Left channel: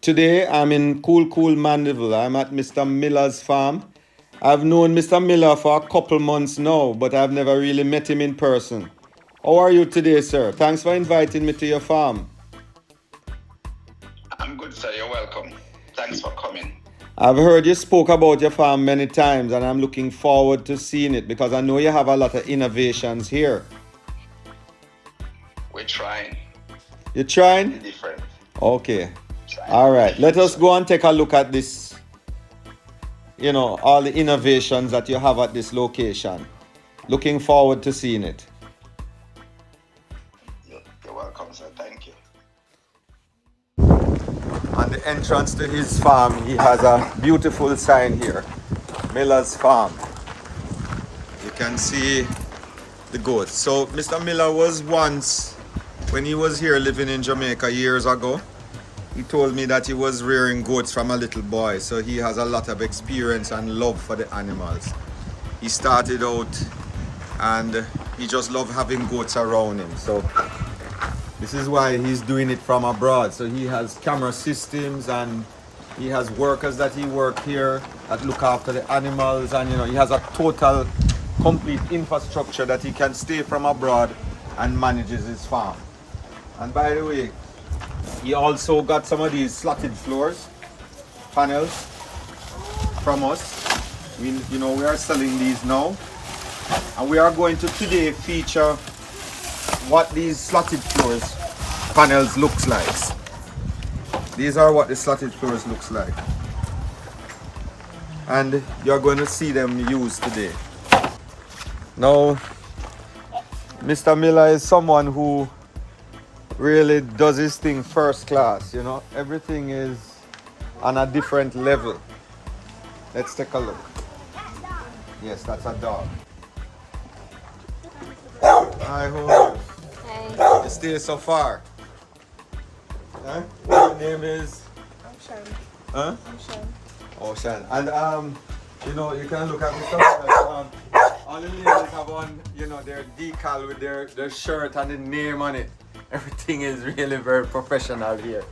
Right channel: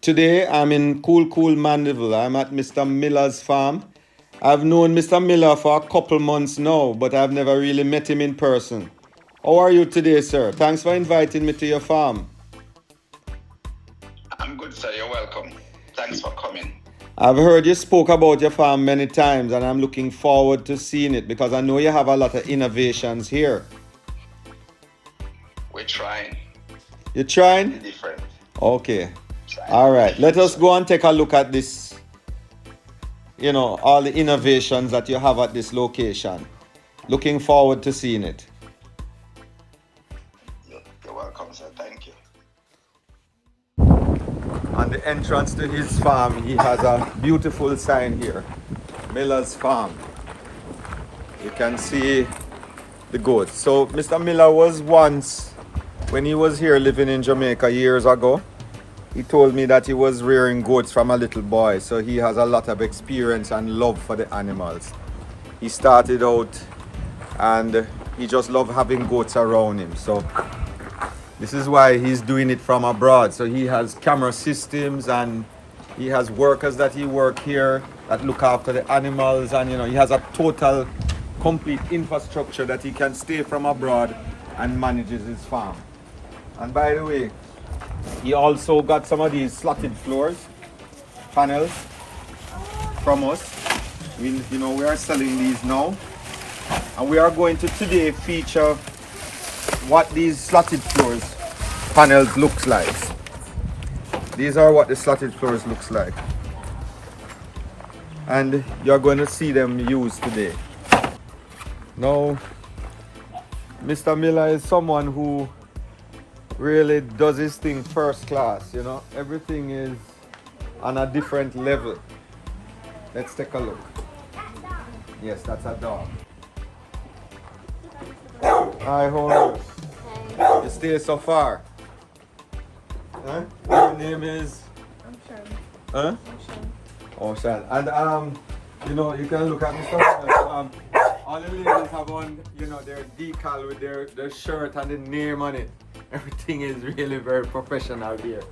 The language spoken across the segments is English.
Today I'm in cool Mandeville. I'm at Mr. Miller's farm. I've known Mr. Miller for a couple months now, but I've never really met him in person. How are you today, sir? Thanks for inviting me to your farm. I'm good, sir. You're welcome. Thanks for coming. I've heard you spoke about your farm many times, and I'm looking forward to seeing it because I know you have a lot of innovations here. We're trying. You're trying? Different. Okay. All right. Let us go and take a look at this. You know, all the innovations that you have at this location. Looking forward to seeing it. You're welcome, sir. Thank you. On the entrance to his farm, he has a beautiful sign here. Miller's Farm. You can see the goats. So Mr. Miller was once, when he was here living in Jamaica years ago, he told me that he was rearing goats from a little boy. So he has a lot of experience and love for the animals. He started out and he just loved having goats around him. So this is why he's doing it from abroad. So he has camera systems and he has workers that he work here that look after the animals, and you know, he has a total complete infrastructure that he can stay from abroad and manages his farm. And by the way, he also got some of these slatted floors panels from us. We are selling these now, and we are going to today feature what these slatted floors panels looks like. These are what the slatted floors looks like, and you're going to see them used today. Now, Mr. Miller is someone who really does his thing first class. You know, everything is on a different level. Let's take a look. Yes, that's a dog. Hi, how are you? Hi. You stay so far. Huh? Your name is? I'm Sean. Huh? I'm Sean. Oh, Sean. And you can look at Mr. Miller. All the ladies have on, their decal with their shirt and the name on it. Everything is really very professional here.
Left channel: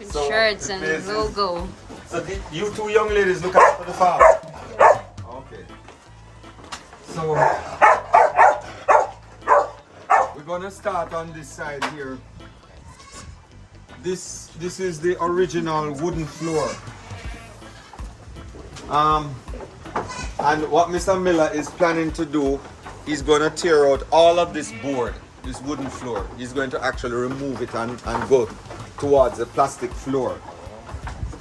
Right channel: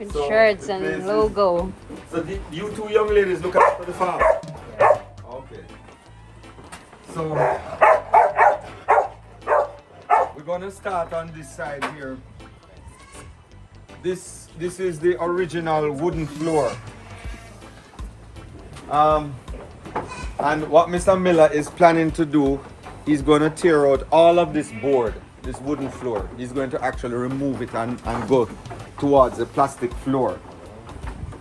With shirts and logo. So you two young ladies look after the farm? Okay. So we're gonna start on this side here. This is the original wooden floor. And what Mr. Miller is planning to do, he's gonna tear out all of this board, this wooden floor. He's going to actually remove it and go towards the plastic floor.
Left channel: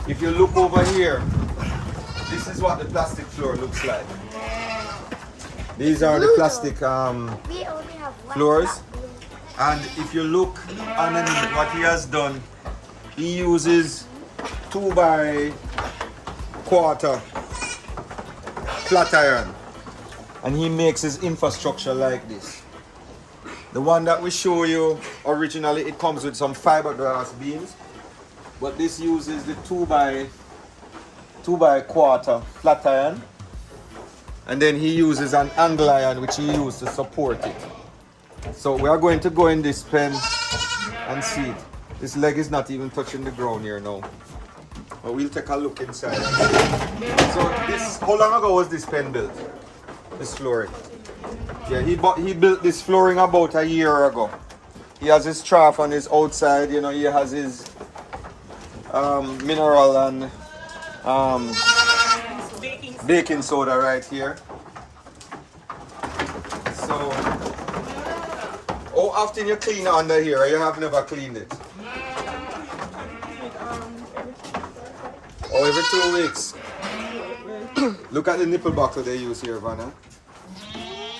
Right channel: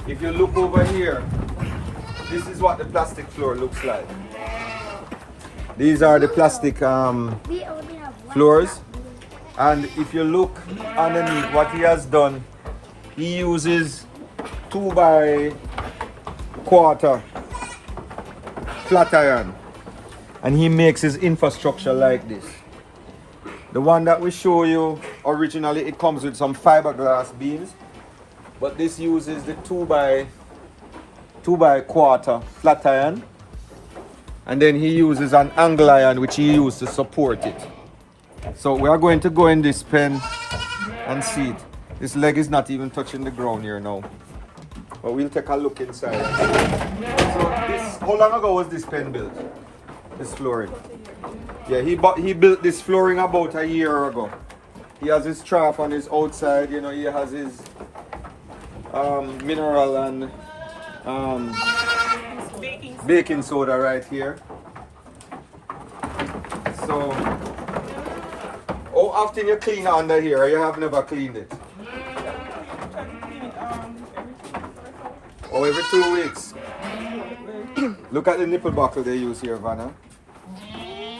If you look over here, this is what the plastic floor looks like. These are the plastic floors. And if you look underneath, what he has done, he uses 2x4 flat iron, and he makes his infrastructure like this. The one that we show you originally, it comes with some fiberglass beams, but this uses the 2x4 flat iron, and then he uses an angle iron which he used to support it. So we are going to go in this pen and see it. This leg is not even touching the ground here now, but we'll take a look inside. So how long ago was this pen built? This flooring? Yeah, he built this flooring about a year ago. He has his trough on his outside, he has his mineral and baking soda right here. So, how often you clean under here? You have never cleaned it? Oh, every 2 weeks. Look at the nipple buckle they use here, Vanna.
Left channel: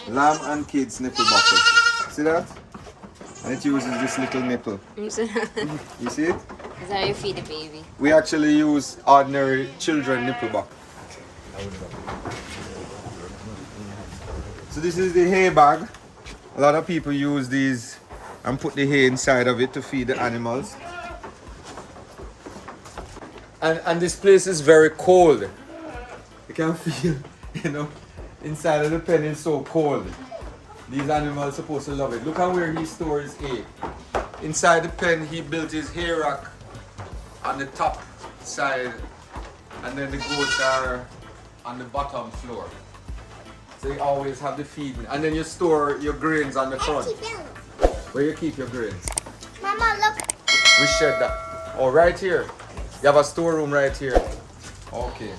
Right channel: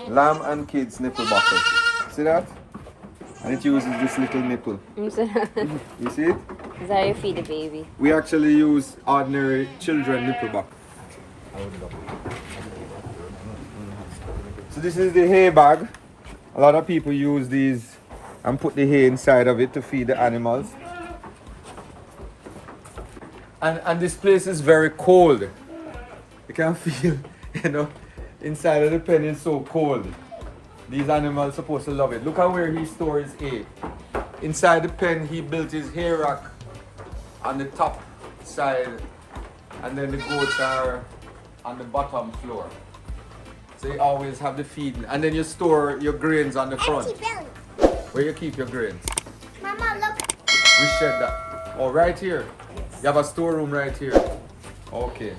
Lamb and kids nipple buckle. See that? And it uses this little nipple. You see it? Is how you feed the baby. We actually use ordinary children nipple buckle. So this is the hay bag. A lot of people use these and put the hay inside of it to feed the animals. And this place is very cold. You can feel, inside of the pen is so cold. These animals are supposed to love it. Look at where he stores hay. Inside the pen, he built his hay rack on the top side, and then the goats are on the bottom floor. So you always have the feeding, and then you store your grains on the front. Where you keep your grains? Mama, look. We shed that. Oh, right here. You have a storeroom right here. Okay.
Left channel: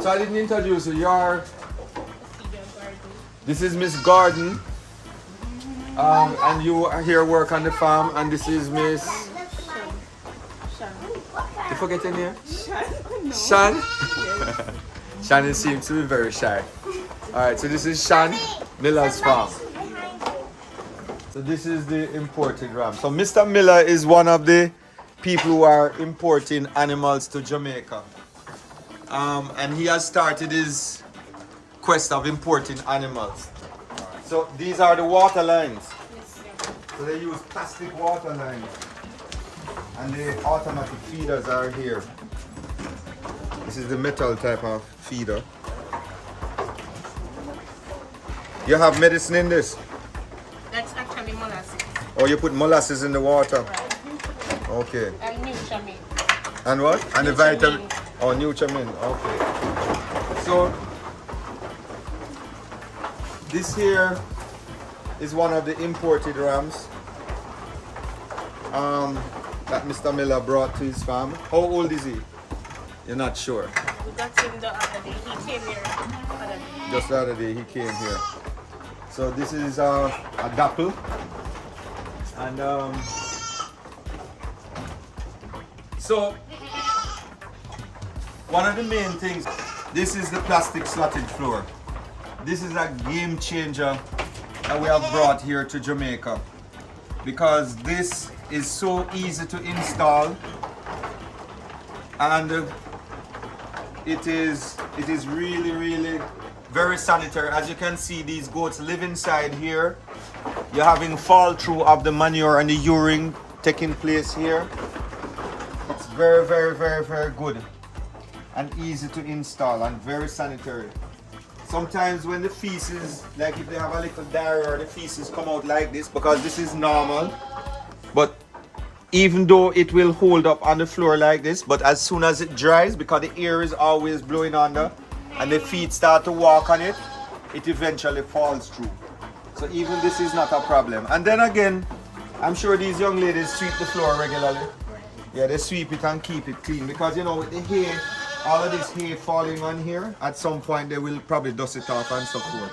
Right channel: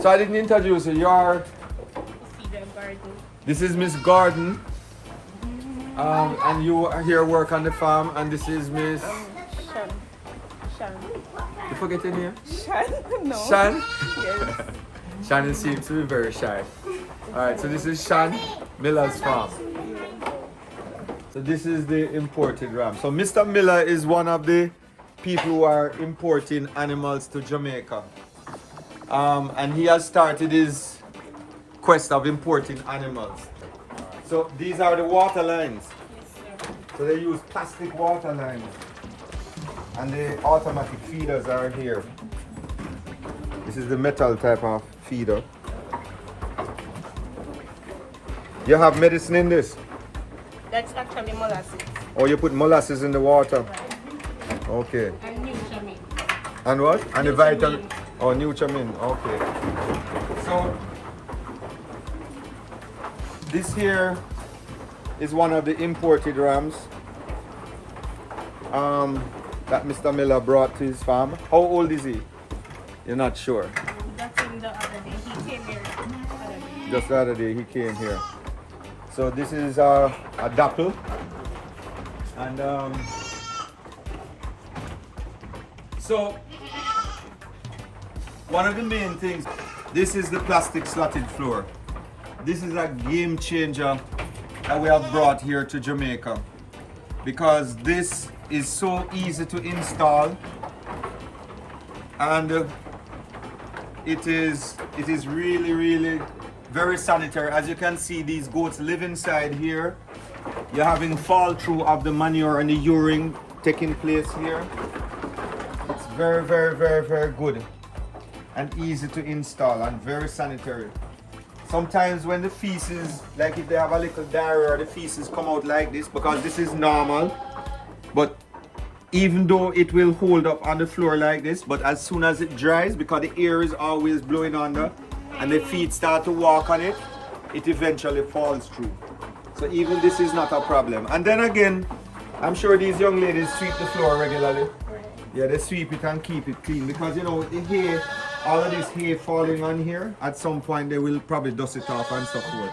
So I didn't introduce you. You're. This is Miss Garden. And you are here work on the farm, and this is Miss. Shan. You forget your name? Shan? No. Shan? Shannon seems to be very shy. Alright, so this is Shan Miller's farm. So this is the imported ram. So Mr. Miller is one of the people who are importing animals to Jamaica. And he has started his quest of importing animals. So these are the water lines. So they use plastic water lines. And the automatic feeders are here. This is the metal type of feeder. You have medicine in this? That's actually molasses. Or you put molasses in the water? Right. Okay. And nutriment. And what? And the vitamin? Oh, nutriment. Okay. So, this here is one of the imported rams that Mr. Miller brought to his farm. How old is he? You're not sure? We got him the other day. He came here. Just the other day he came here. So this is a dapple, and so one of the main things, this is the plastic slatted floor. This is a game changer that we have brought here to Jamaica, because this is so easy to install, and it is really very sanitary. As you can see, these goats live inside here. You're having fall through of the manure and the urine taking place here. It's very good and easy to install and very sanitary. Sometimes when the feces, like if they have a little diarrhea, the feces come out like this, because this is normal. But even though it will hold up on the floor like this, but as soon as it dries, because the air is always blowing under, and the feet start to walk on it, it eventually falls through. So even this is not a problem. And then again, I'm sure these young ladies sweep the floor regularly. Yeah, they sweep it and keep it clean, because you know, with the hay, all of this hay falling on here, at some point they will probably dust it off and so forth.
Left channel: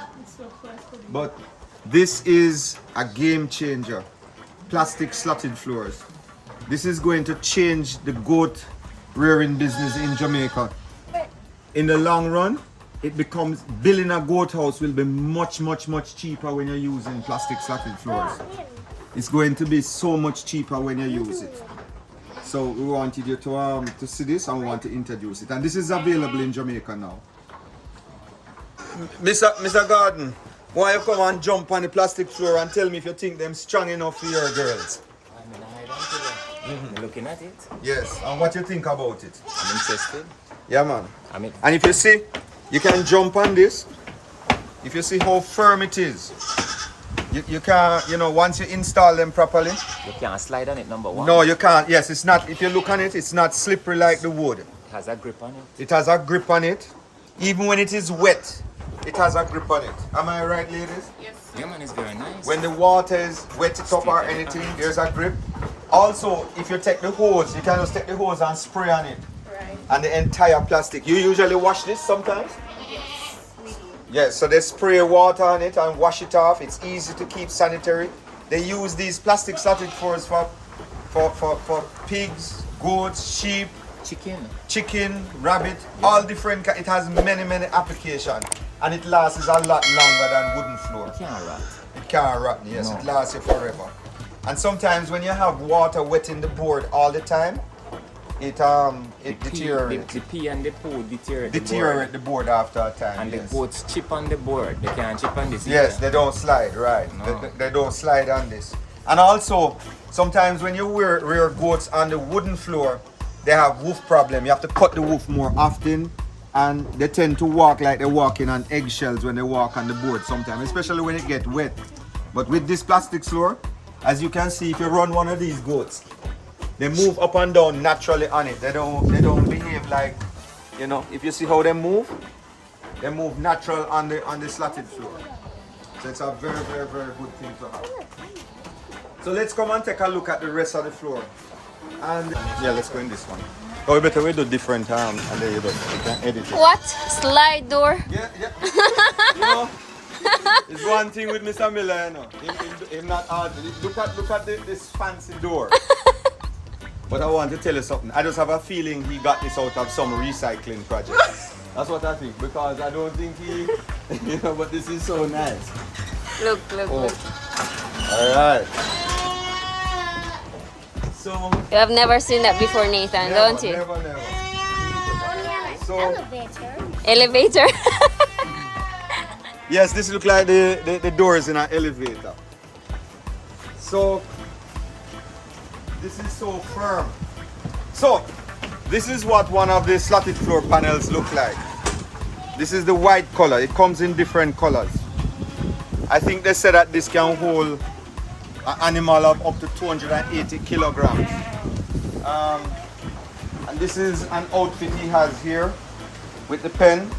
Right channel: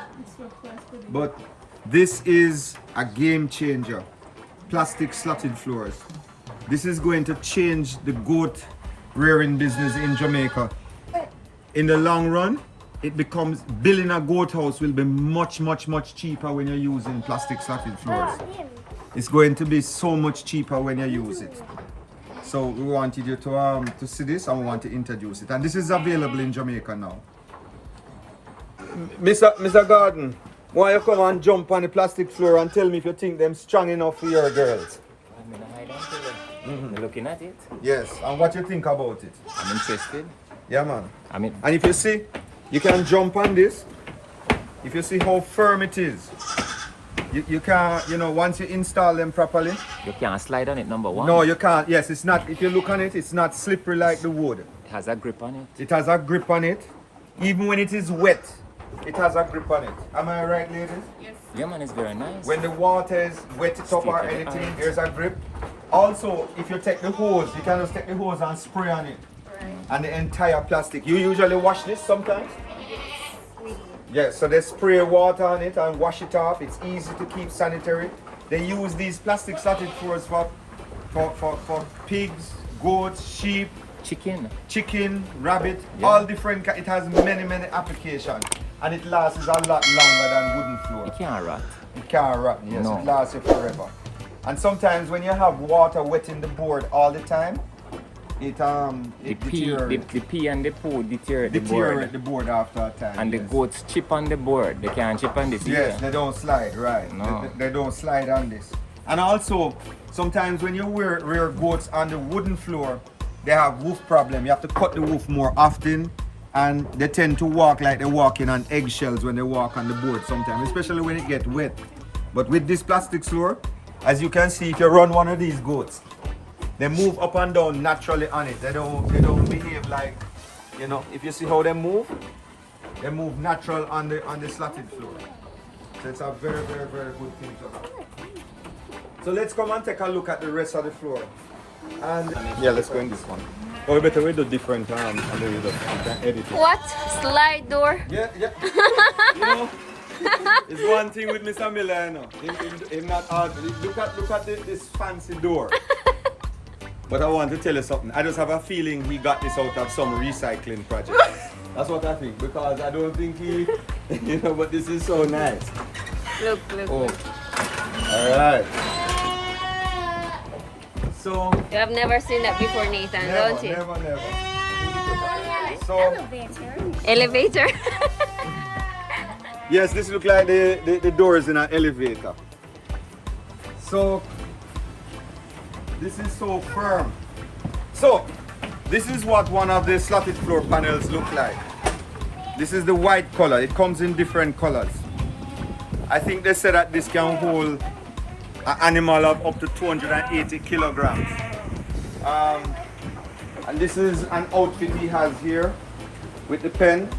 But this is a game changer. Plastic slatted floors. This is going to change the goat rearing business in Jamaica. In the long run, it becomes, building a goat house will be much cheaper when you're using plastic slatted floors. It's going to be so much cheaper when you use it. So we wanted you to see this, and we want to introduce it. And this is available in Jamaica now. Mr. Garden, why you come and jump on the plastic floor and tell me if you think them strong enough for your girls? I'm in a hide until You're looking at it. Yes, and what you think about it? I'm interested. Yeah, man. I mean, And if you see, you can jump on this. If you see how firm it is, you can, you know, once you install them properly. you can't slide on it, number one. No, you can't. Yes, it's not. If you look on it, it's not slippery like the wood. It has a grip on it. It has a grip on it. Even when it is wet, it has a grip on it. Am I right, ladies? Yeah, man, it's very nice. When the water is wet it up or anything, there's a grip. Also, if you take the hose, you can just take the hose and spray on it. Right. And the entire plastic. You usually wash this sometimes? Yes, so they spray water on it and wash it off. It's easy to keep sanitary. They use these plastic slatted floors for pigs, goats, sheep, chicken, rabbit, all different. It has many applications, and it lasts a lot longer than wooden floor. It can't rot. It can't rot, yes, No. it lasts you forever. And sometimes when you have water wetting the board all the time, it deteriorates. The pee and the poo Deteriorate the board after a time. And yes. the goats chip on the board. They can't chip on this. Yes, either. they don't slide, right. No. They don't slide on this. And also, sometimes when you rear goats on the wooden floor, they have wolf problem. You have to cut the wolf more often, and they tend to walk like they're walking on eggshells when they walk on the board sometimes, especially when it gets wet. But with this plastic floor, as you can see, if you run one of these goats, They move up and down naturally on it. They don't behave like, you know, if you see how they move natural on the slatted floor. So it's a very, very, very good thing to have. So let's come and take a look at the rest of the floor. And yeah, let's go in this one. Oh, better we do different and then you can edit it. What? Slide door? Yeah. You know, it's one thing with Mr. Miller, you know. Him not hard. Look at this fancy door. But I want to tell you something. I just have a feeling he got this out of some recycling project. That's what I think, because I don't think he, you know, but this is so nice. Look. Alright. So, You have never seen that before, Nathan, don't you? Never. So, Elevator? yes, this looks like the doors in an elevator. So, this is so firm. So, this is what one of the slatted floor panels look like. This is the white color. It comes in different colors. I think they said that this can hold an animal of up to 280 kilograms. And this is an outfit he has here with the pen.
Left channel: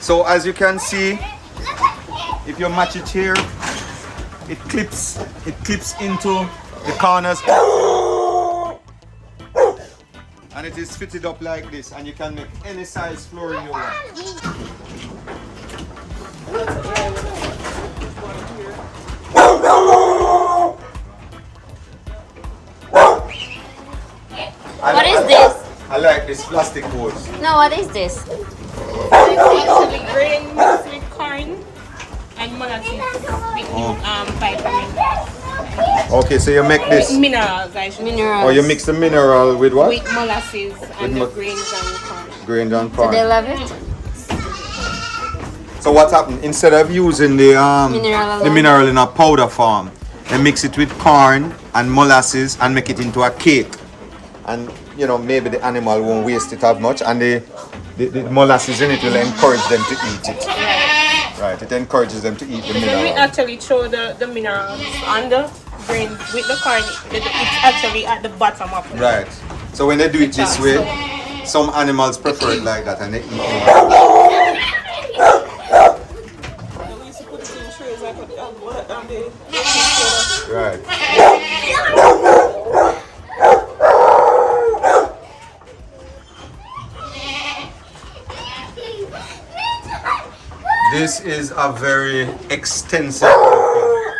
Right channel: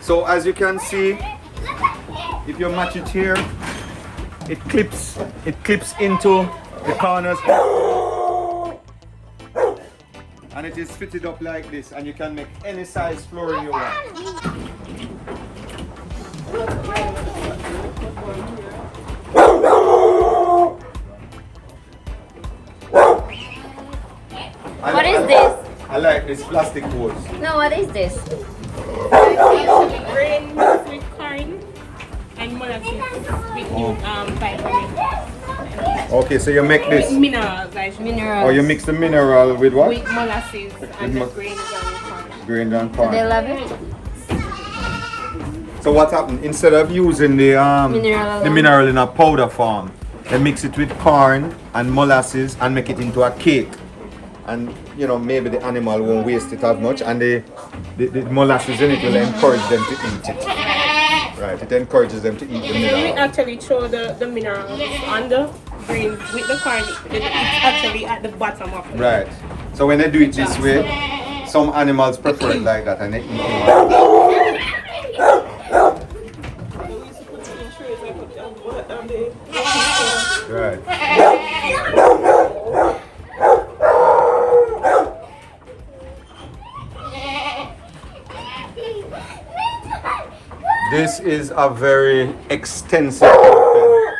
So as you can see, if you match it here, it clips into the corners. And it is fitted up like this, and you can make any size flooring you want. What is this? I like this plastic hose. No, what is this? It's actually grain mixed with corn and molasses with vitamin. Okay, so you make this. Minerals, I should say. Minerals. Or you mix the mineral with what? With molasses and mo- the grains and corn. Grain and So corn. they love it? So what happened? Instead of using the Mineral mineral in a powder form, they mix it with corn and molasses and make it into a cake. And you know, maybe the animal won't waste it as much, and the molasses in it will encourage them to eat it. Right, it encourages them to eat the We mineral. actually throw the minerals on the grain with the corn. It's actually at the bottom of it. Right. So when they do it this way, some animals prefer it like that and they eat more. Right. This is a very extensive building.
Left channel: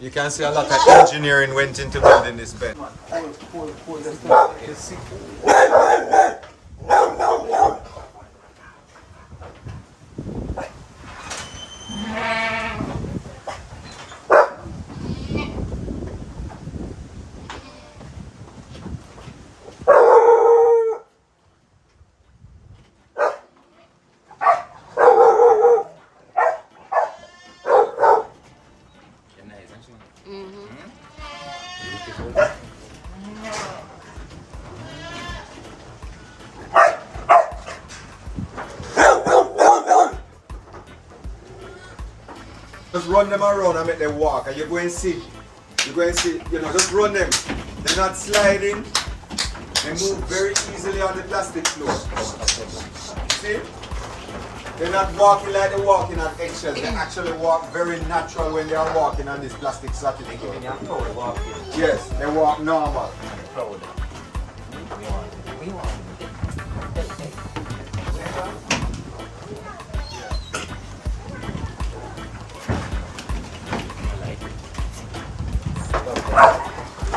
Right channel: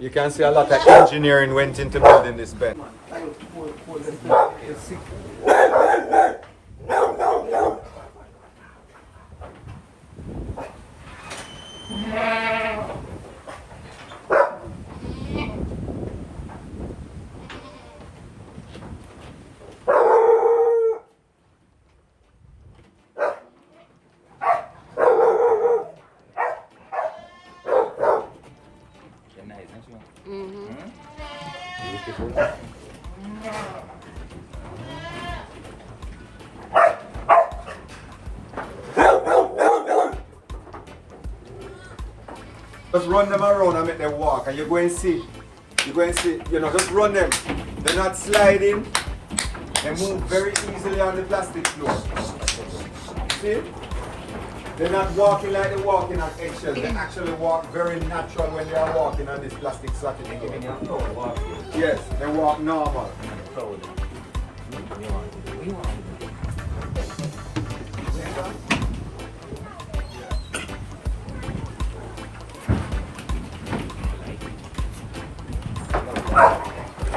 You can see a lot of engineering went into building this bed. Just run them around and make them walk, and you're going to see, you know, just run them. They're not sliding. They move very easily on the plastic floor. See? They're not walking like they're walking on eggshells. They actually walk very natural when they are walking on this plastic slatted floor. Yes, they walk normal.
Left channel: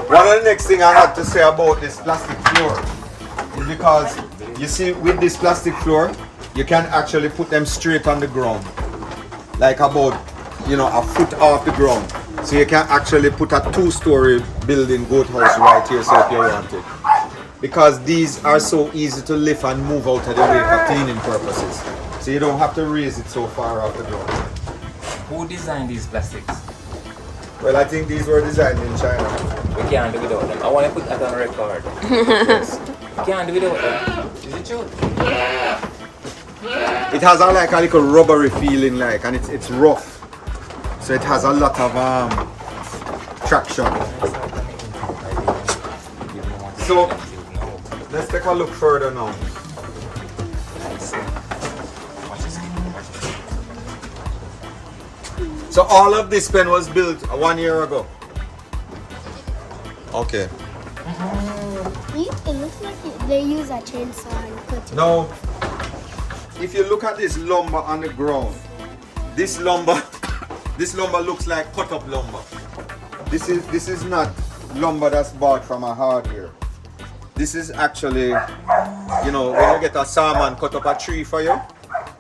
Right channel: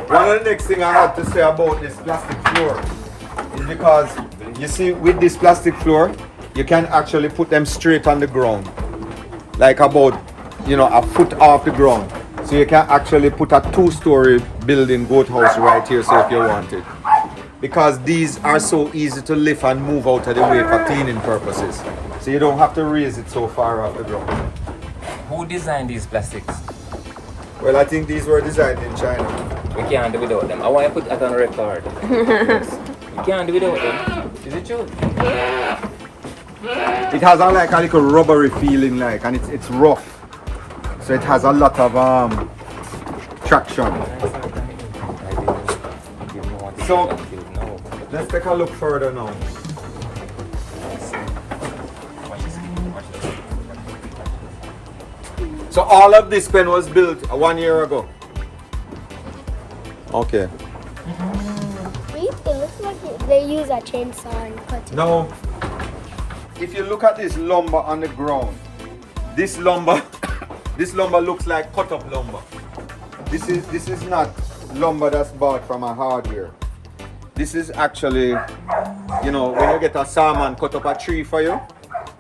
One of the next thing I had to say about this plastic floor is because you see with this plastic floor you can actually put them straight on the ground, like about, you know, a foot off the ground. So you can actually put a 2-story building goat house right here, so if you want it, because these are so easy to lift and move out of the way for cleaning purposes, so you don't have to raise it so far off the ground. Who designed these plastics? Well, I think these were designed in China. We can't do without them. I want to put that on record. Yes. We can't do without them. Is it true? It has a, like a little rubbery feeling, like, and it's rough, so it has a lot of traction. So let's take a look further now. So all of this pen was built 1 year ago. Okay. It looks like they use a chainsaw and cut it. Now, if you look at this lumber on the ground, this lumber looks like cut up lumber. This is not lumber that's bought from a hardware. This is actually, you know, when you get a sawman cut up a tree for you,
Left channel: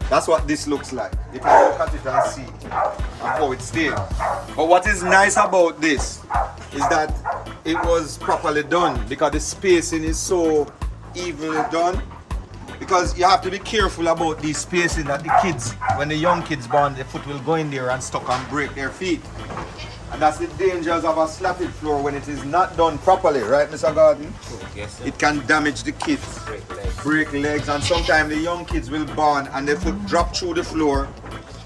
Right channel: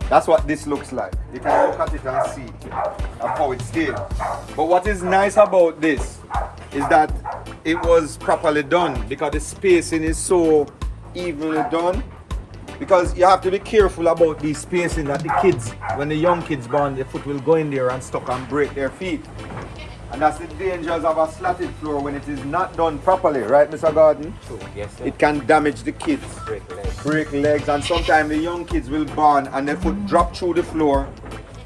that's what this looks like. You can look at it and see how it stays. But what is nice about this is that it was properly done because the spacing is so evenly done. Because you have to be careful about these spacing that the kids, when the young kids born, their foot will go in there and stuck and break their feet. And that's the dangers of a slatted floor when it is not done properly, right, Mr. Gordon? Yes, sir. It can damage the kids, break legs, and sometimes the young kids will born and their foot drop through the floor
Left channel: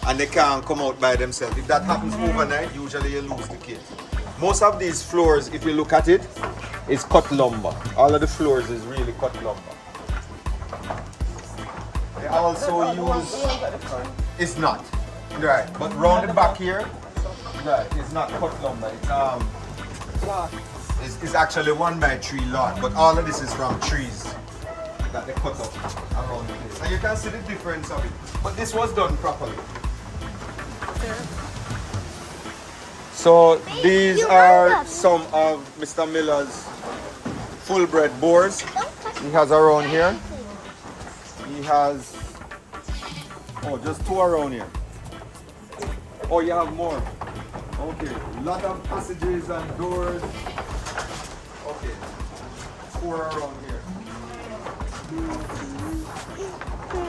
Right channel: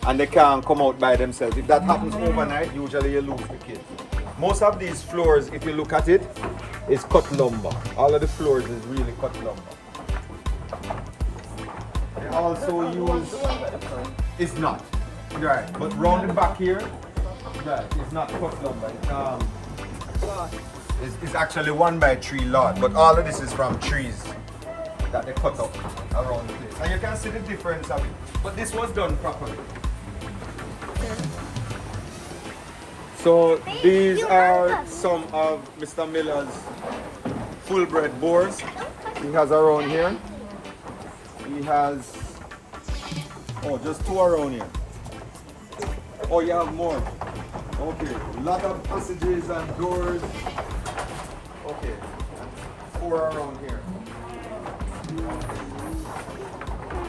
and they can't come out by themselves. If that happens overnight, usually you lose the kids. Most of these floors, if you look at it, is cut lumber. All of the floors is really cut lumber. They also use, it's not, right, but round the back here, right, it's not cut lumber, it's actually 1x3 lot, but all of this is from trees that they cut up around the place. And you can see the difference of it, but this was done properly. So these are some of Mr. Miller's full-bred boars he has around here. He has, oh, just 2 around here. Oh, you have more. Okay, a lot of passages and doors. Okay, 4 around here.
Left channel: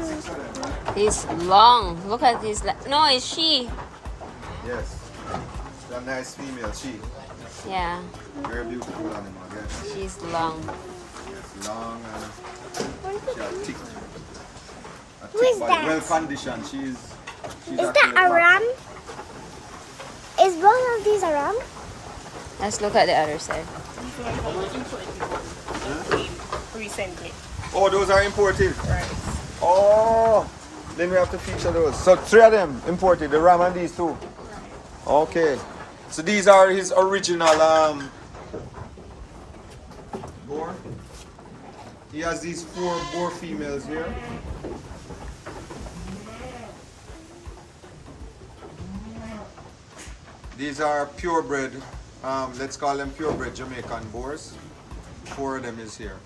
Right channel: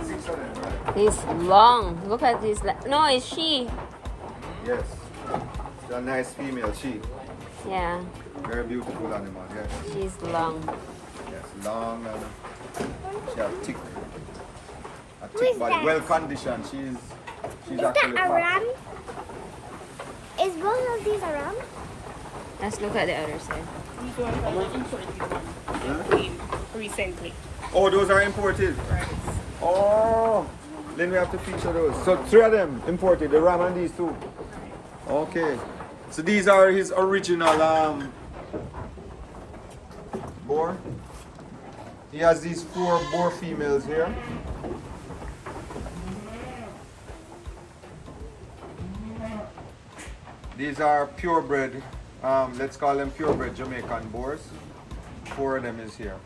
6 of them, right? He's long. Look at this. No, it's she. Yes. She's a nice female, she. Yeah, Very beautiful animal, yes. she's long. Yes, long and she has thick. A Who is thick body, that? well conditioned. She's Is actually that a fat. ram? Is one of these a ram? Let's look at the other side. These ones are the imported ones recently. Oh, those are imported. Right. Oh, then we have to feature those. So 3 of them imported, the ram and these 2. Okay. So these are his original boar. He has these 4 boar females here. These are purebred, let's call them purebred Jamaican boars. 4 of them is here.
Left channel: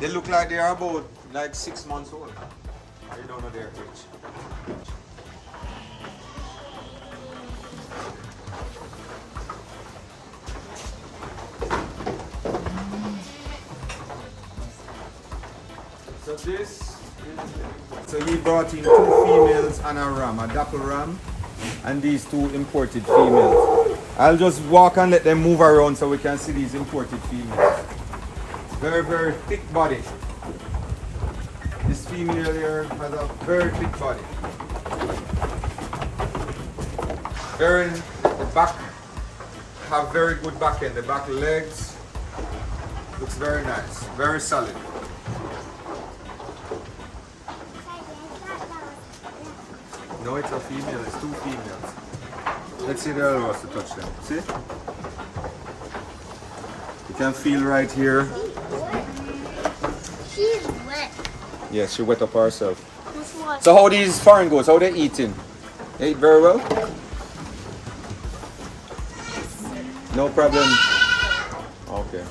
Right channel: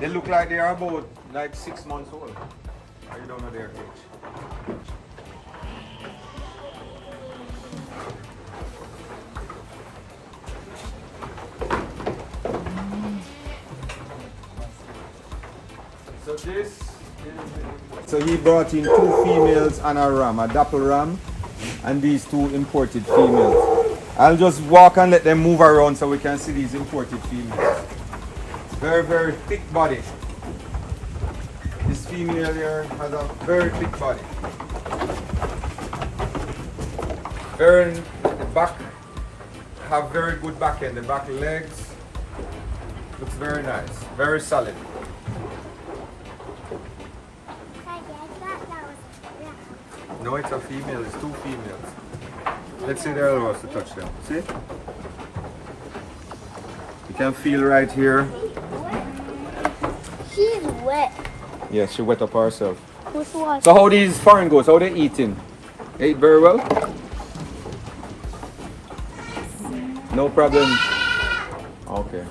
They look like they are about like 6 months old. I don't know their age. So he brought in 2 females and a ram, a dapple ram, and these 2 imported females. I'll just walk and let them move around so we can see these imported females. Very, very thick body. This female here has a very thick body. The back have very good back end. The back legs looks very nice, very solid. No, it's a female. It's 2 females. Let's see the other ones to touch them. See? You can feel right here. She's wet. Yeah, she wet up herself. Which one? So how these foreign goats, how they eating? They eat very well? No problem. Okay.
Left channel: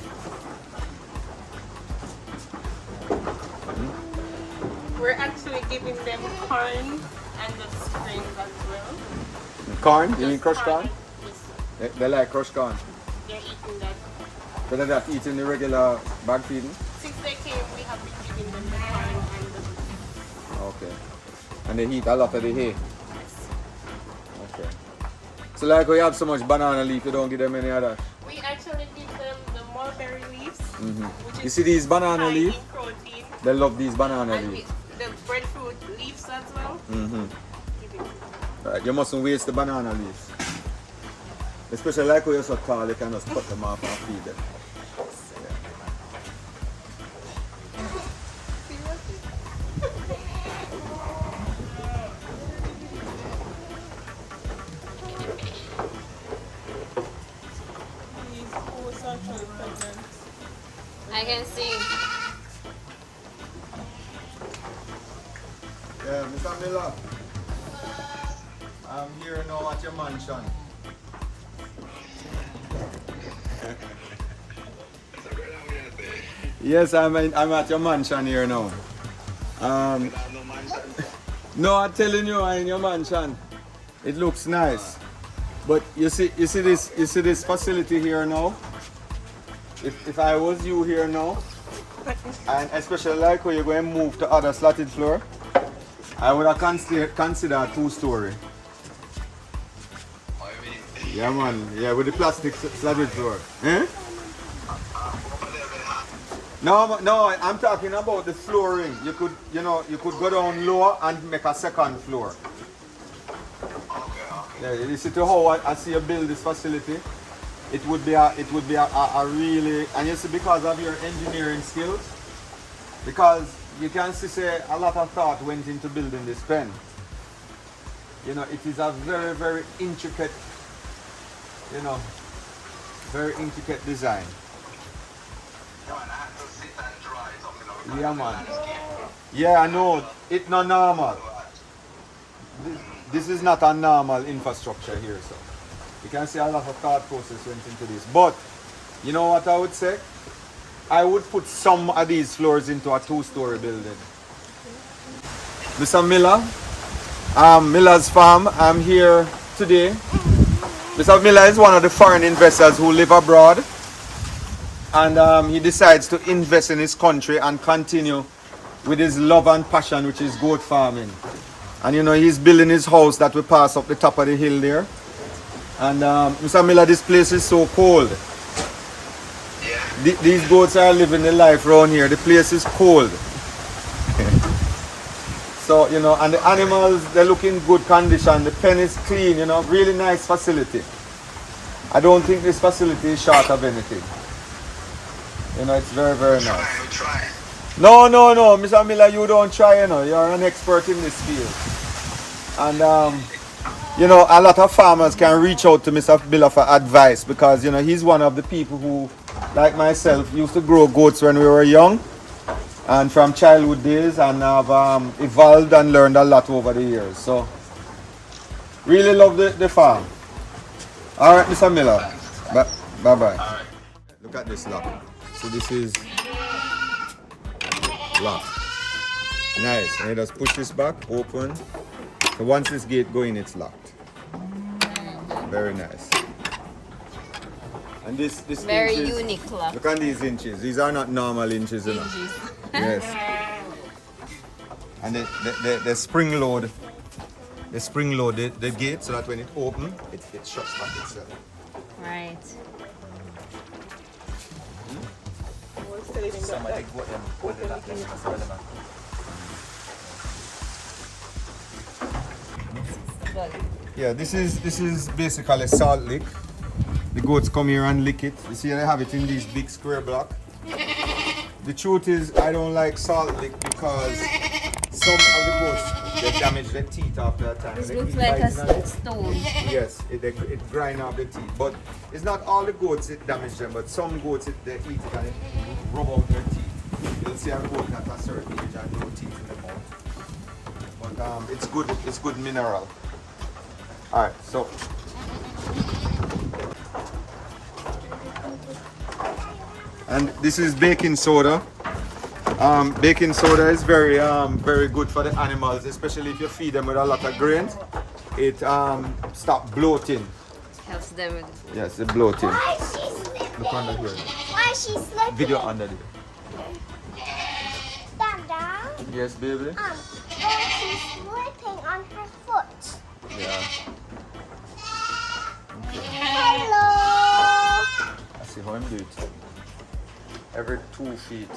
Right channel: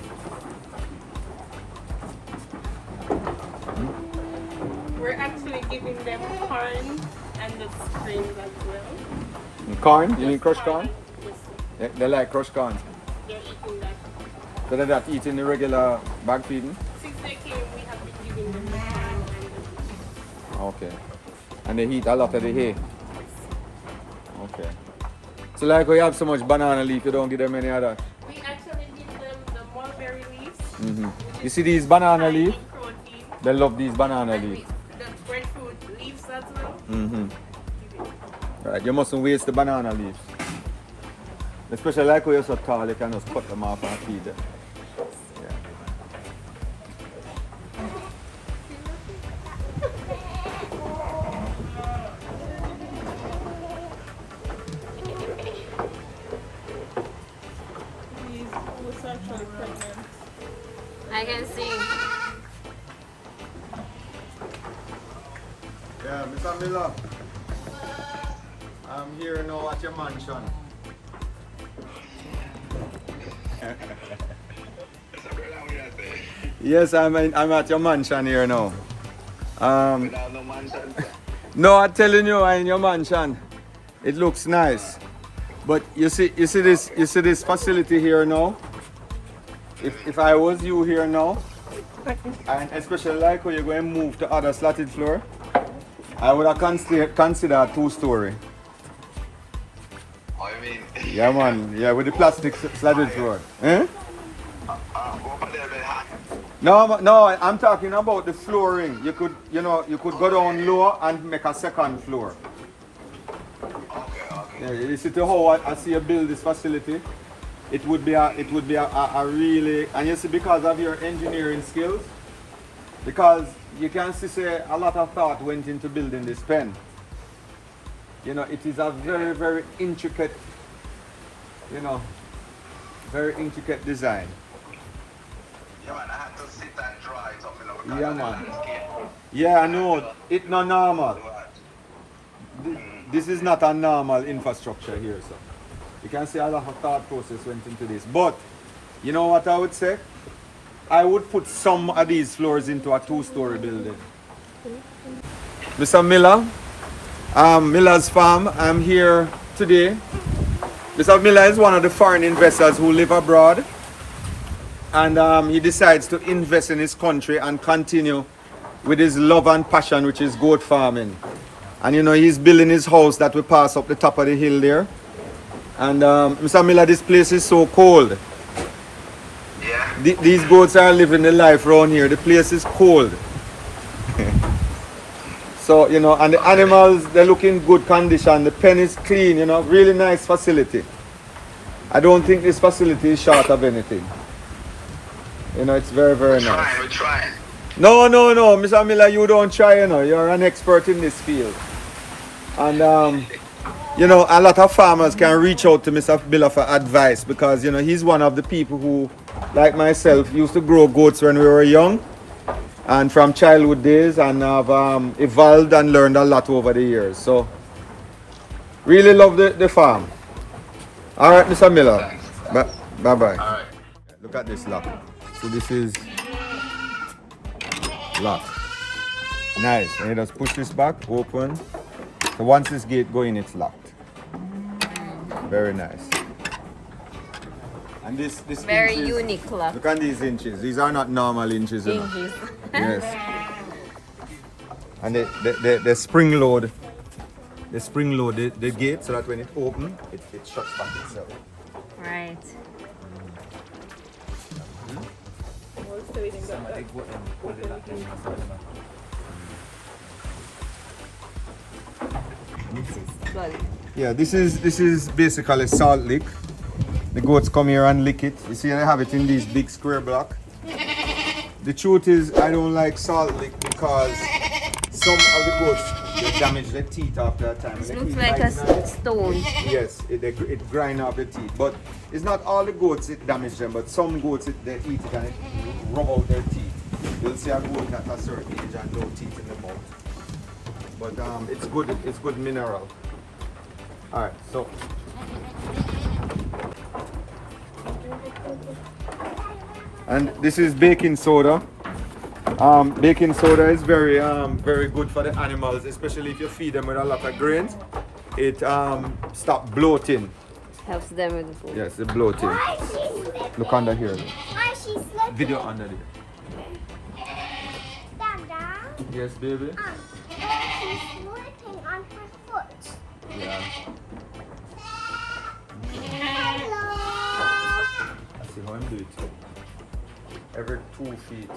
We're actually giving them corn and the springs as well. Corn? You mean crushed corn? Yes, They like crushed corn. they're eating that. So they're not eating the regular bag feeding? Since they came, we have been giving them the corn and the Okay. And they eat a lot of the hay? Okay. So like we have so much banana leaf, you don't give them any other? We actually give them the mulberry leaves. Mm-hmm. You see these banana High leaf? in protein. They love these banana And leaves. the breadfruit leaves as well. Mm-hmm. Right, you mustn't waste the banana leaves. Especially like we used to call, you can just cut them off and feed them. can see. Yeah, Mr. Miller. I'm here now at your mansion. Yes, I'm at your mansion here now. No, I'm telling you, I'm in your mansion. It looks nice, but you see this facility here now. If I was you here now, and especially like how you're going to move to other slatted floor, I would have consider a 2-story. I mean, Yeah, man. Yeah, with the plastic slatted floor. Eh? over there, very hot. No, I'm talking about the flooring. You could go down lower and make a second floor. Okay. Yeah, you see to how I see you build this facility. It would be a really, and you see, because of your engineering skills, because you can see say a lot of thought went into building this pen. You know, it is a very, very intricate, very intricate design. Yeah, man, I had to sit and dry something because Yeah, of the man. landscape. Yeah, I know. It's not normal. This is not a normal infrastructure here, so you can see a lot of thought process went into this. But you know what I would say? I would put some of these floors into a 2-story building. Mr. Miller, Miller's Farm. I'm here today. Mr. Miller is one of the foreign investors who live abroad, and he decides to invest in his country and continue with his love and passion, which is goat farming. And you know, he's building his house that we pass up the top of the hill there. And Mr. Miller, this place is so cold. Yeah. These goats are living the life around here. The place is cold. So, you know, and the animals, they look in good condition. The pen is clean, you know, really nice facility. I don't think this facility is short of anything. You know, it's very, very nice. We're trying. No, Mr. Miller, you don't try, you know. You're an expert in this field. And, you know, a lot of farmers can reach out to Mr. Miller for advice because, you know, he's one of the people who, like myself, used to grow goats when we were young and from childhood days, and have evolved and learned a lot over the years. So, really love the farm. All right, Mr. Miller. Bye-bye. All right. Look at this lock. So this is lock. Nice. And you just push this back, open. So once this gate going, it's locked. Very nice. And this Very inches, unique lock. Look at these inches. These are not normal inches. You know. Inches. Yes. And the spring load. The spring load the gate so that when it opens, it shuts back itself. Right. Yeah, this is basically a salt lick. The goats come here and lick it. You see, they have it in these big square block. The truth is, I don't like salt lick because some of the goats, they damage their teeth after a time. It They looks keep like biting on a it. stone. Yes, it grind up the teeth. But it's not all the goats it damage them, but some goats they eat it and it rub out their teeth. You'll see a goat at a certain age and no teeth in the mouth. But it's good mineral. Alright, so and this is baking soda. Baking soda is very good for the animals, especially if you feed them with a lot of grains. It stop bloating. Helps them with the food. Yes, it bloating. Why is she slipping? Look under here. Why is she slipping? Video under it. Dada? Yes, baby. She's slipping on her foot. Yeah. Hello. I see how I'm doing it. Every 2 feet.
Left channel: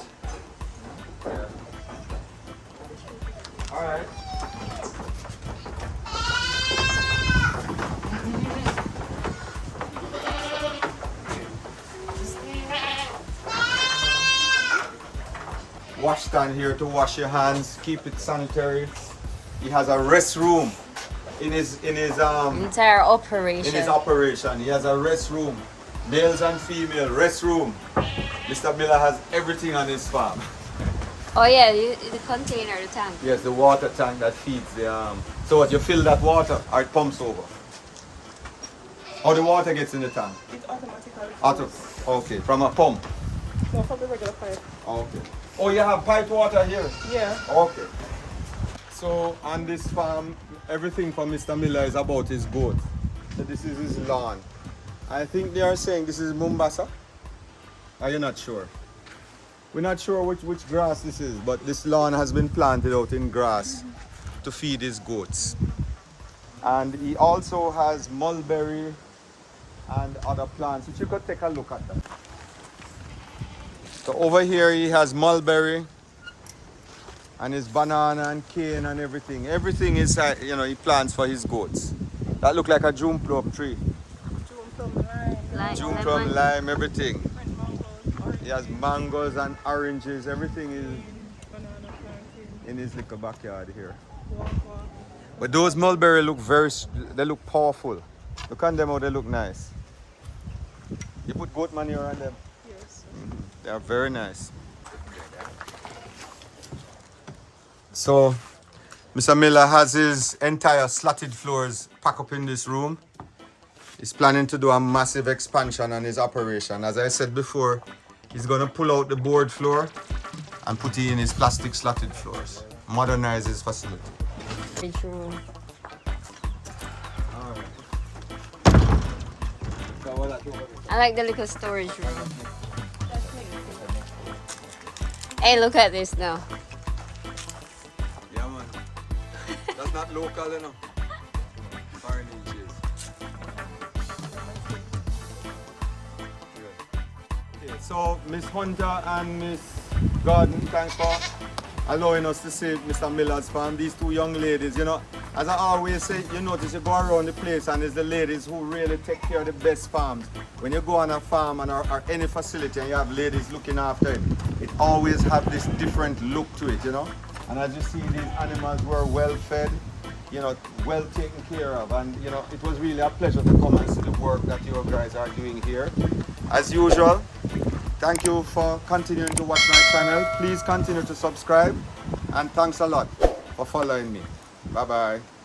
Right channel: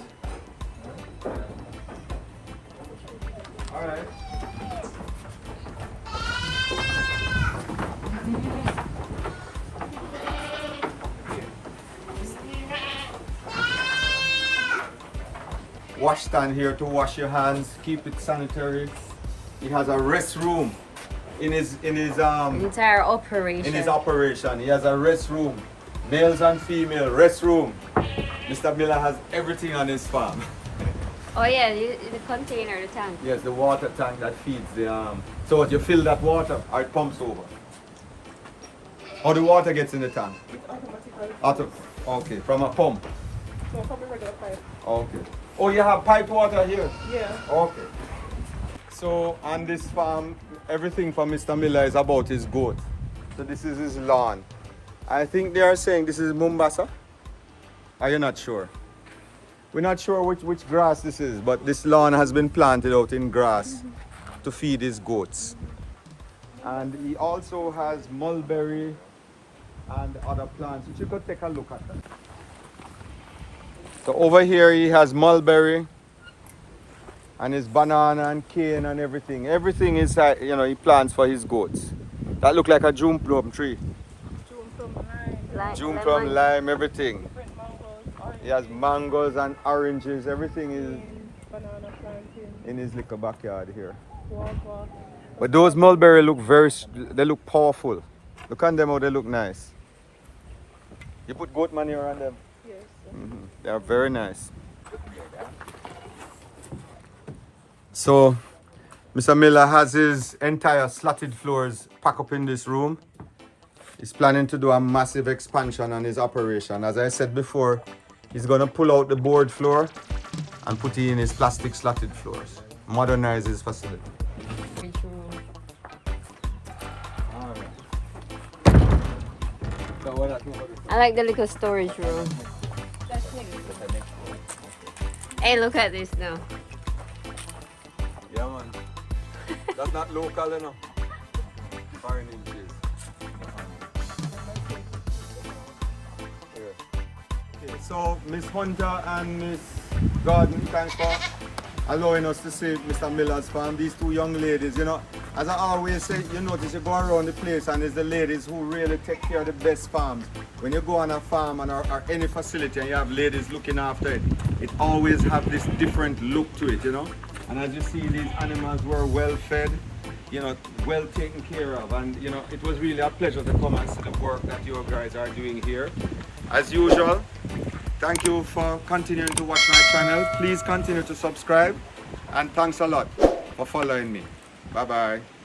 Alright. Wash stand here to wash your hands, keep it sanitary. He has a restroom in his Entire operation. in his operation. He has a restroom, males and female restroom. Mr. Miller has everything on his farm. Oh yeah, the container, the tank. Yes, the water tank that feeds the so what, you fill that water or it pumps over? Or the water gets in the tank? Okay, from a pump. No, from the regular pipe. Okay. Oh, you have piped water here? Yeah. Okay. So on this farm, everything for Mr. Miller is about his goat. So this is his lawn. I think they are saying this is Mombasa. Are you not sure? We're not sure which grass this is, but this lawn has been planted out in grass to feed his goats. And he also has mulberry and other plants. If you could take a look at them. So over here he has mulberry and his banana and cane and everything. Everything is, he plants for his goats. That look like a June plum tree. June plum lime. June Lemon. plum, lime, everything. Different mangoes, orange. He has mangoes and oranges, everything is Banana plantain. in his little backyard here. Guava. But those mulberry look they look powerful. Look at them how they look nice. You put goat manure on them? Yes. They are very nice. So, Mr. Miller has his entire slatted floors packed up in this room. He's planning to do a massive expansion on his operation. As I said before, he's going to pull out the board floor and put in his plastic slatted floors. Modernize his facility. I like the little storage room. Hey, look at this now. Yeah, man. That's not local enough. Foreign inches. Okay, so Miss Hunter and Miss Gordon, thanks for allowing us to see Mr. Miller's farm. These two young ladies, as I always say, you notice you go around the place and it's the ladies who really take care of the best farms. When you go on a farm and or any facility and you have ladies looking after it, it always have this different look to it, And as you see, these animals were well fed, well taken care of. And, it was really a pleasure to come and see the work that you guys are doing here. As usual, thank you for continuing to watch my channel. Please continue to subscribe. And thanks a lot for following me. Bye-bye.